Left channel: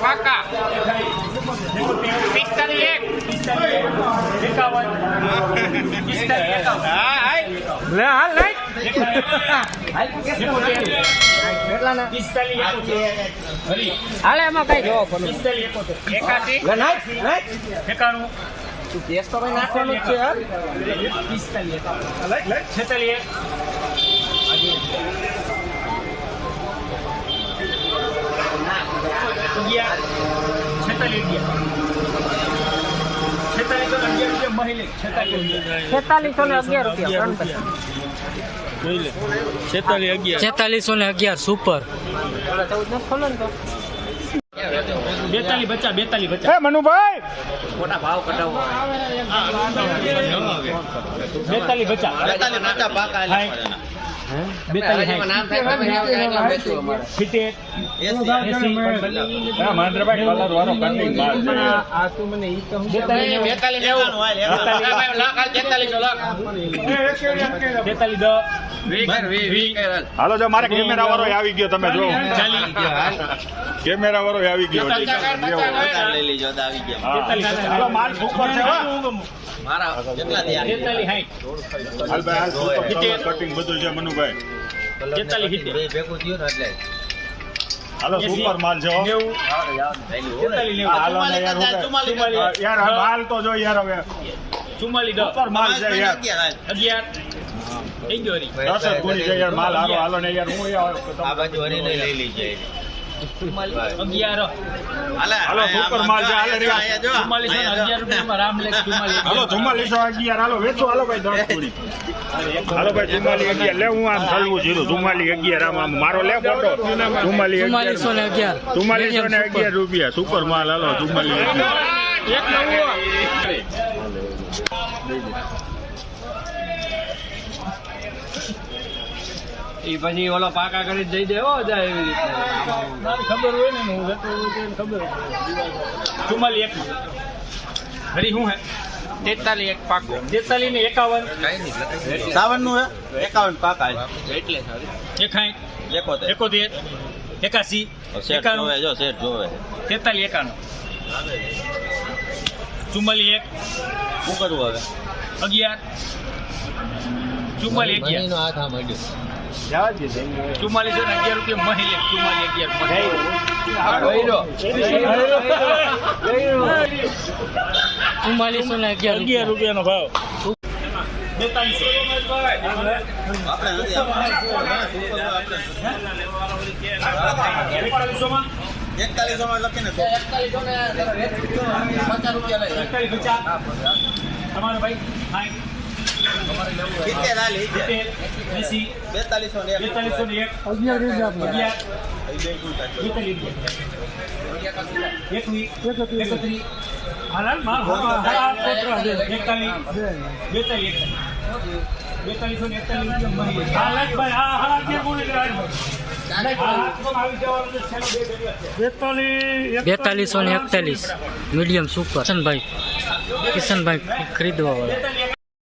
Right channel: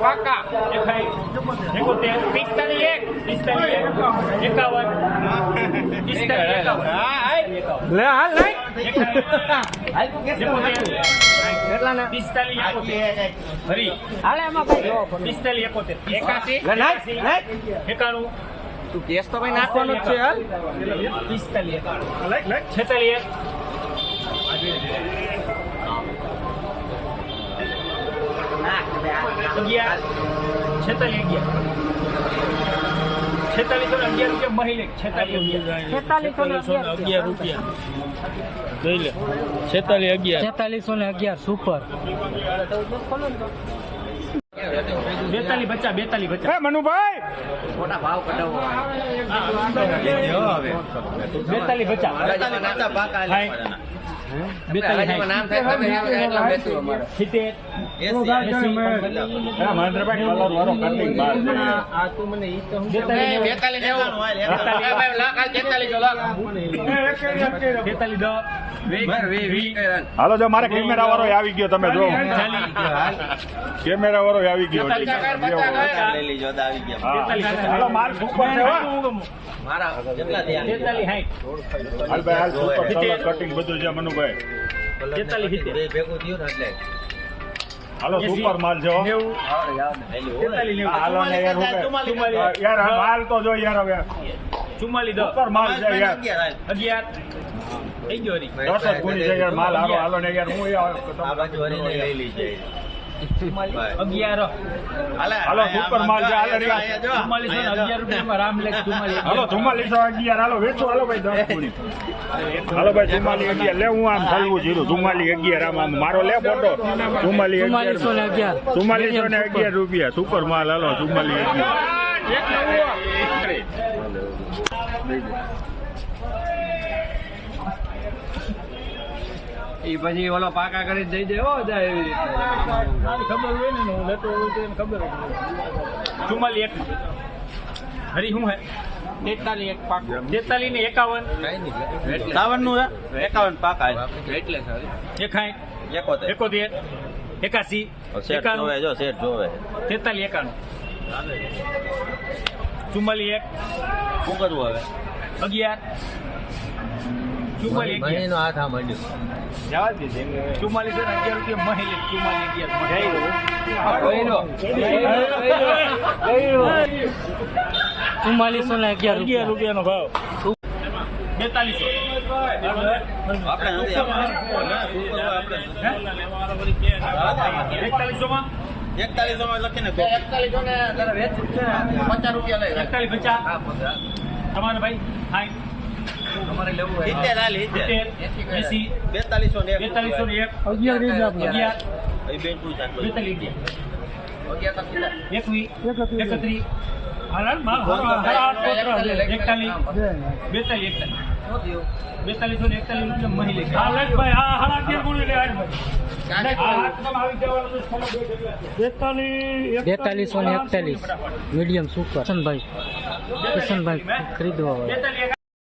કાકા 91 તું કેસ તો ભાઈ નાખવાનું જ છે યાર 4611 સુપર 42 બચ્ચા 42 બચ્ચા મનુભાઈ મોટા ભાવ કઢાવો 42 બચ્ચા પાકા હાલો જો મારે કેમેરા વાળો આવી ગયો તમે જો કેમેરા વાળો આવી ગયો લઈ લીજો આવી ગયા હાલો માલ સુપર છે મારા કેટલા 43 કટિંગ બધું છે મનુભાઈ 43 ભેગું થયું ને એટલે હાલો સુપર માલ છે હાલો ને યાર માલ તો જો યાર હવે 44 સુપર માલ છે યાર 11 થઈ ગયો રી 10 ગુણી છે યાર માલ હાલો ને યાર હું આ બાજુ હરીને લઈ લીજે 11 હાલો સુપર માલ છે હાલો યાર 11 રૂપિયામાં રામલેખ 44 હાલો 4411 હાલો વેચો હાલો ભાઈ 10 ગુણી હાલો ભાઈ 4411 લે હું આમ ચાલવું છું 4411 આમ મારો લે ફોટો 4411 રૂપિયા સુપર માલ હાલો 4411 એ પછી ઓલો પાકા કરી જઈ દે હો જાય એવી રીતે ખબર હોય ને હું જતો હોય તો ખબર 44 હરી હું હે 43 એક પાકો 43 ને 51 51 નું હે 51 પાકા એટલે 61 71 81 સેટ જોવે જો સેટ જોવે 43 51 44 શું કરવું હવે 11 44 મહિનો હાથ આ મળ્યો 44 રૂપિયા મહિલે 4411 રૂપિયાનો ભાવ 50 રૂપિયા લઈ 41 તમારે ભાઈ હાઈ તમારે લેવું હોય 4241 મીડિયમ સુપર કિશનભાઈ ખરીદવા વાળા